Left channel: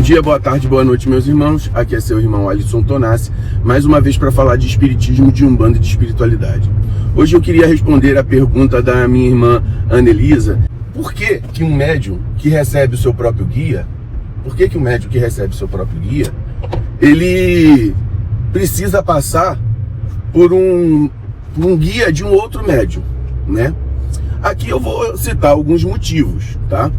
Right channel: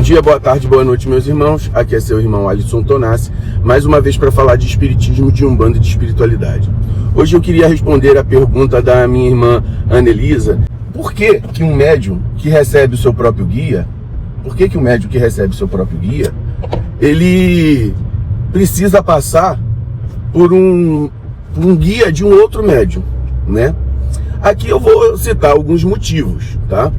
Bom dia, boa tarde, boa noite, meus irmãos. Aqui é seu irmão Alisson Tonassi, mais uma vez para falar de espiritismo, de umbanda e de espiritualidade. Hoje eu queria responder a pergunta da minha irmã Anelisa: por que um médium que recebe o seu próprio guia, ele precisa passar por um guia de um outro médium, né? Aqui eu vou citar alguns motivos, tá?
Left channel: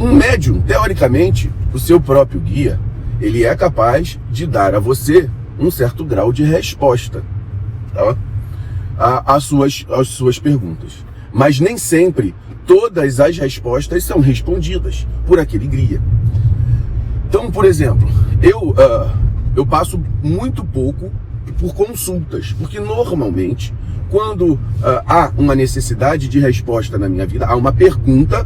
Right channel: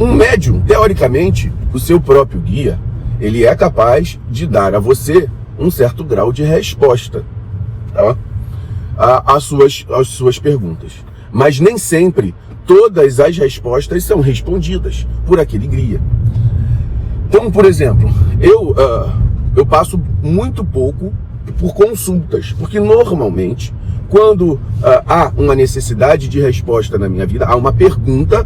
Um médium, teoricamente, o seu próprio guia, ele é capaz de dar a você um certo grau de resposta, tá? às suas perguntas. Mas nem sempre todas as respostas são respondidas por aquele guia. Então, por exemplo, eu passo muito pouco por consultas, porque normalmente, quando há uma necessidade de resposta na minha vida, há uma pergunta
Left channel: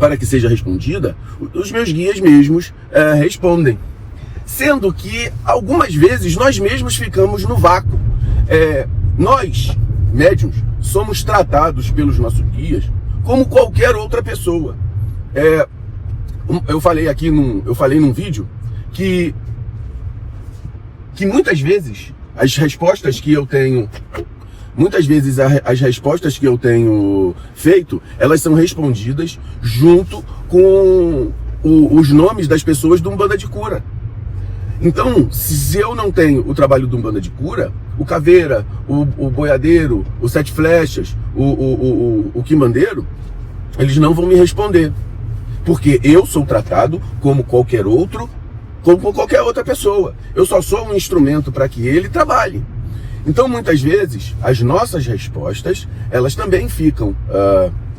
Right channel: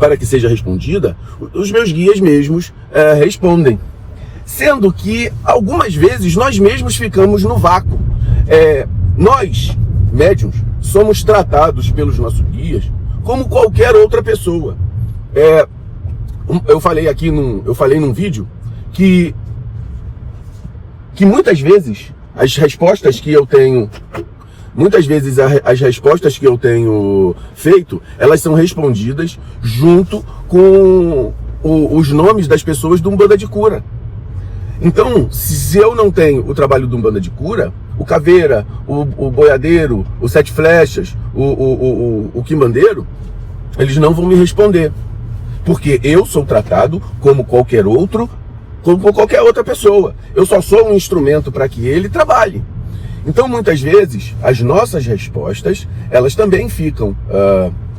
para que seja respondida, os meus guias mesmos respondem. Sendo que, algumas vezes, nós mesmos ficamos no vácuo. Nós, médiuns, somos tratados pelos nossos guias como qualquer outra pessoa. Eu falei num vídeo que muitas vezes as respostas que eu tenho feito, elas são respondidas junto com os nomes das pessoas do Umbanda de Cura. Então, se eu não tenho o trabalho do Umbanda de Cura, o Caveira, o Boiadeiro, o Sete Flechas, o Quimbandeiro, eles não vão me responder. Porque eu sou tratado como qualquer outra pessoa. Eu só sou um instrumento para que ele trabalhe. Então, muitas vezes, as nossas respostas, elas também ficam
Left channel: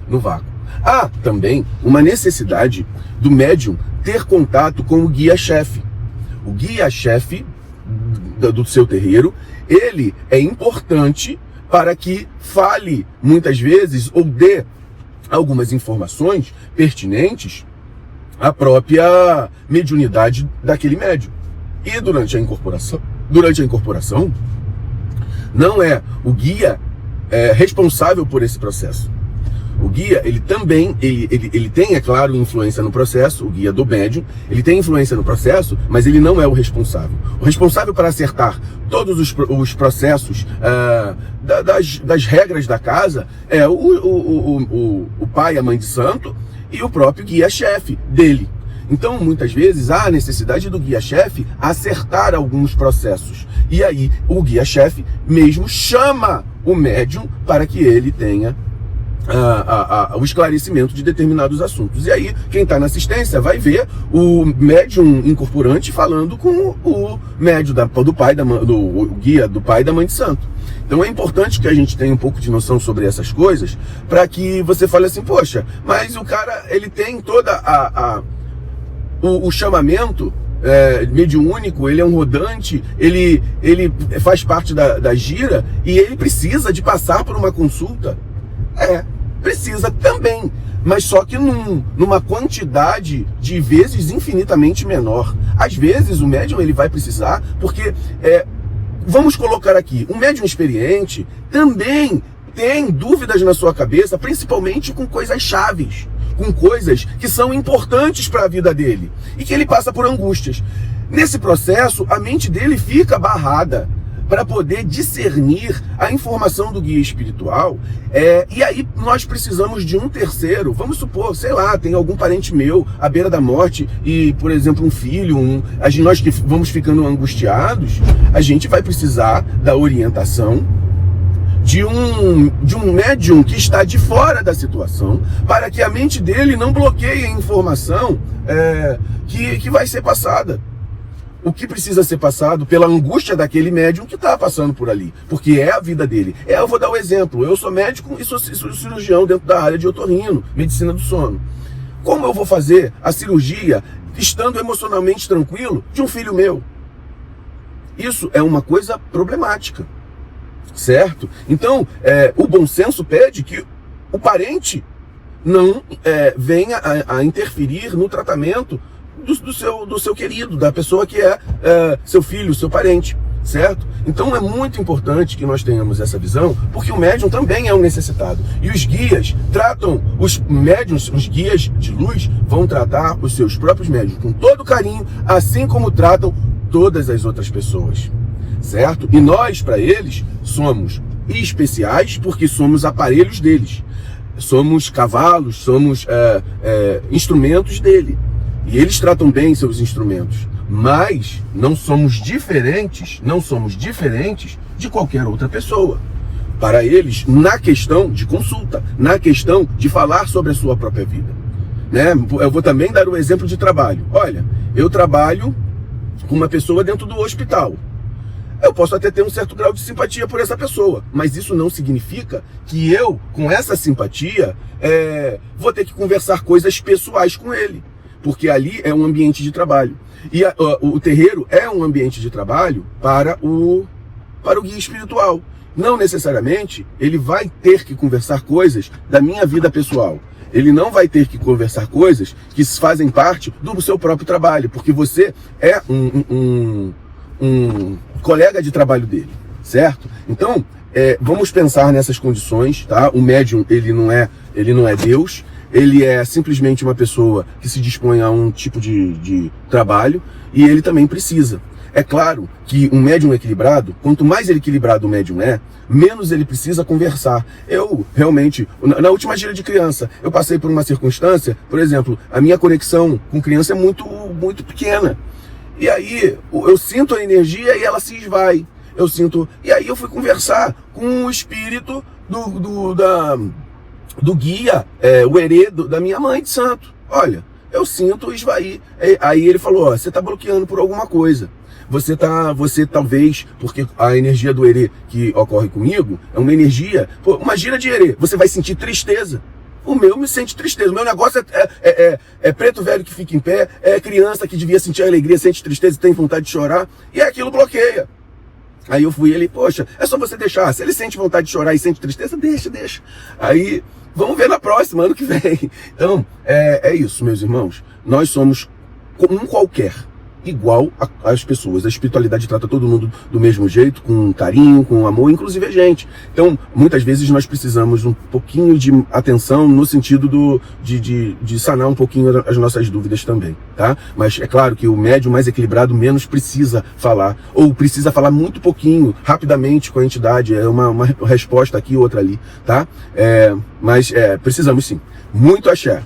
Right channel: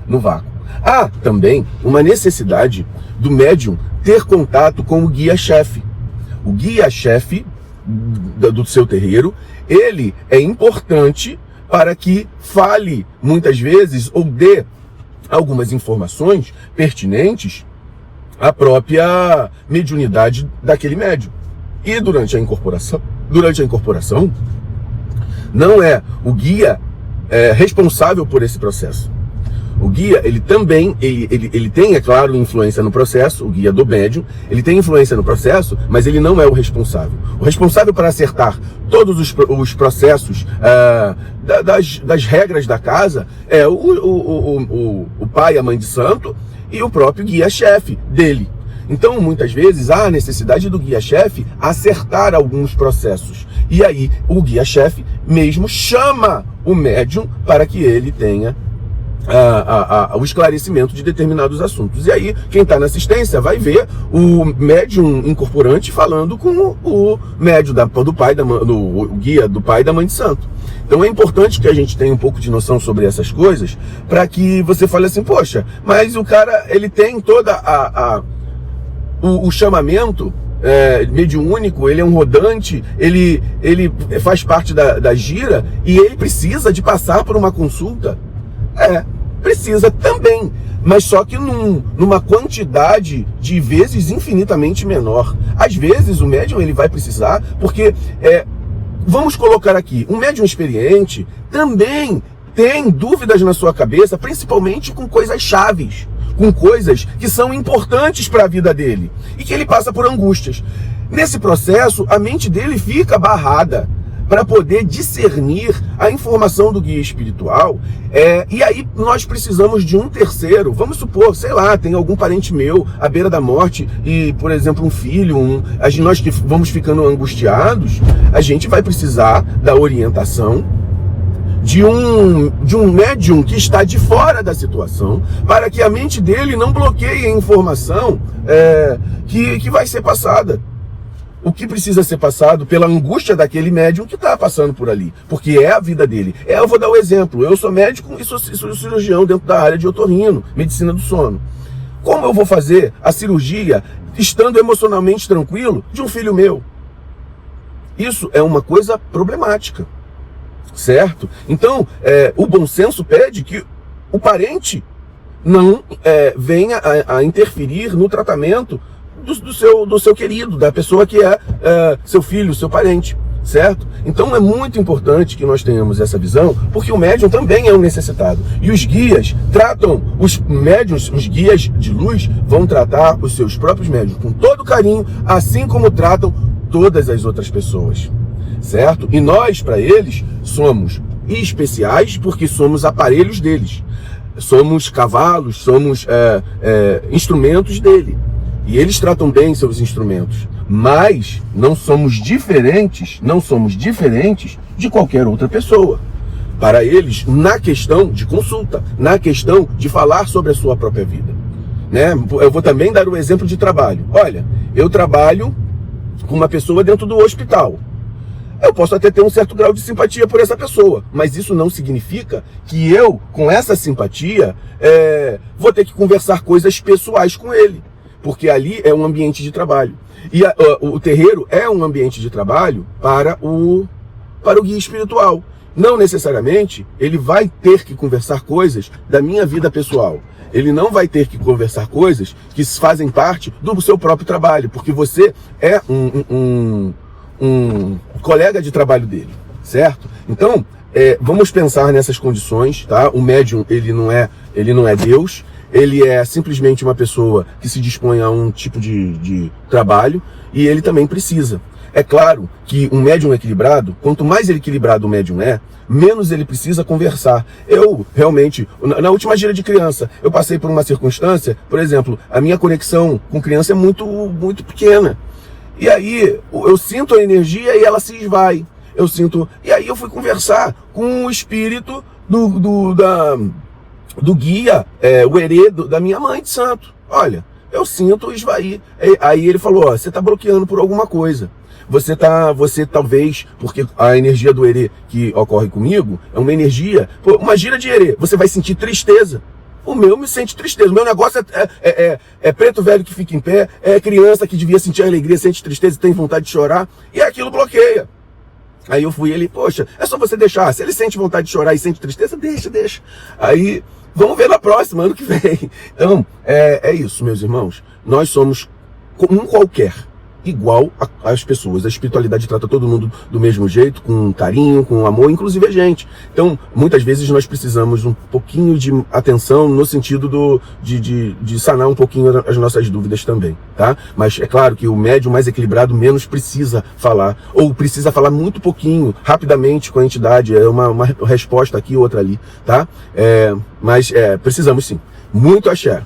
no vácuo. Há também uma necessidade do médium ter contato com o guia-chefe. O guia-chefe do seu terreiro, ele é importante para que fale, muitas vezes, ou dê algumas informações pertinentes à própria mediunidade daquele médium. E durante a incorporação, não é o guia responsável por esse processo. O guia, ele também, ele tem, é claro, influência no processo, o guia do médium, ele tem influência no processo, mas ele não é o responsável. O responsável para acertar todos os processos das regras da casa é o pai, a mãe de santo e o próprio guia-chefe dele. Então, muitas vezes, há a necessidade do guia-chefe acertar alguns processos. E aí, o guia-chefe mesmo chama o médium para que ele tenha o esclarecimento de determinados assuntos. E aí, quem está na assistência vai ver o médium incorporante falando com o médium do pai, o guia do pai e da mãe de santo. Então é importante que a gente tenha um pouco de noção sobre essas coisas, para que você fale assim: poxa, mas o cara, ele tem toda o chamamento mediúnico, ele é um rodante, ele faz parte da gira, e ele precisa de passar por uma consulta. Precisa também, mas só que numa quantidade de vezes infinitamente menor. Às vezes o médium, ele vai precisar, porque vamos colocar aqui, um médium experiente também tem dúvidas na sua cabeça, principalmente com coisas chaves, com coisas que são importantes para a vida dele, e que ele passa por angústias. Nesse processo, a mente dele fica barrada para poder discernir a informação do guia espiritual, e aí nós precisamos de um terceiro. Vamos supor, sei lá, tem algum parente meu à beira da morte, e, por exemplo, um filho, nós que vamos ficando angustiados, a gente vai precisar da orientação de um médium que está de fora da situação, para que a mente dele não bloqueie a informação que vai ser passada. O que precisa ser passado pela angústia daquele médium que está passando por ali, porque é a vida dele. Eu vou dar um exemplo: eu sou médico e sou cirurgião dentro da área de otorrino, medicina do sono. Como eu vou fazer a cirurgia estando emocionalmente tranquilo de um filho meu? Isso é uma coisa problemática, certo? Então, o bom senso pede que o parente não venha a interferir no tratamento do seu querido, da pessoa que é seu filho, seu parente, certo? Então é muito importante que nós tenhamos essa visão, porque o médium também é um necessitado. E os guias tratam, os médiuns, os guias de luz, vão tratar os seus próprios médiuns com todo carinho, assim como tratam todas as outras pessoas, certo? E nós, para eles, somos especiais porque somos aparelhos deles. Somos cavalos, somos instrumentos dele. E eles tratam bem seus instrumentos. Mas não somos diferentes de qualquer outra pessoa. Para eles, na questão de consulta, na questão de falar sobre a sua própria vida, né? Eu vou também dar um exemplo de trabalho. Olha, eu trabalho com uma pessoa dentro do hospital. Eu posso até ter um certo grau de simpatia por essa pessoa, mas isso não significa que eu, com essa simpatia, vou ter que conversar coisas pessoais com ele, porque ali é um ambiente de trabalho. E o terreiro é um ambiente de trabalho para o guia espiritual. Não necessariamente ele vai ter que conversar coisas da minha vida pessoal. Ele não vai ter que conversar coisas que fazem parte do seu próprio trabalho, porque você é um colega de trabalho dele, certo? Então, vamos pensar nessas condições, tá? O médium, ele não é Deus. Ele é simplesmente uma pessoa que se dispõe a um tipo de trabalho, e ele também precisa. É claro que um médium equilibrado, quanto mais equilibrado o médium é, menos ele precisa conversar. Eu, realmente, na última gira de criança, eu passei por uma circunstância, por exemplo, a minha conexão com criança é muito, muito pequena. E aí, eu sinto a energia e ela se esvai. E aí eu fui conversar com o espírito do guia, o herê da minha mãe de santo. Olha, eu sinto esvair. Aí ele falou, ó, você está bloqueando por alguma coisa. Você talvez, porque a energia do herê que ocorre comigo é uma energia, uma gira de herê, você vai sentir tristeza. O meu me sente tristeza. O meu negócio é preto velho que fica em pé, é criança que devia sentir alegria, sente tristeza e tem vontade de chorar, e aquilo bloqueia. Aí eu fui, ele, poxa, é só você deixar. Se ele sente vontade de chorar e sente tristeza, deixa. Aí, vamos ver na próxima, ano que vem. Então, é isso, meus irmãos. Nós somos um qualquer, igual às pessoas. A espiritualidade trata todo mundo do mesmo jeito, com carinho, com amor, inclusive a gente. Então, muitas vezes nós precisamos um pouquinho de atenção no sentido de sanar um pouquinho as nossas dúvidas também, tá? Mas é claro que o médium mais equilibrado menos precisa falar, ou precisa falar muito pouquinho, rapidamente com a entidade, uma resposta aqui, outra ali, tá? Mas precisamos sim. Muito axé.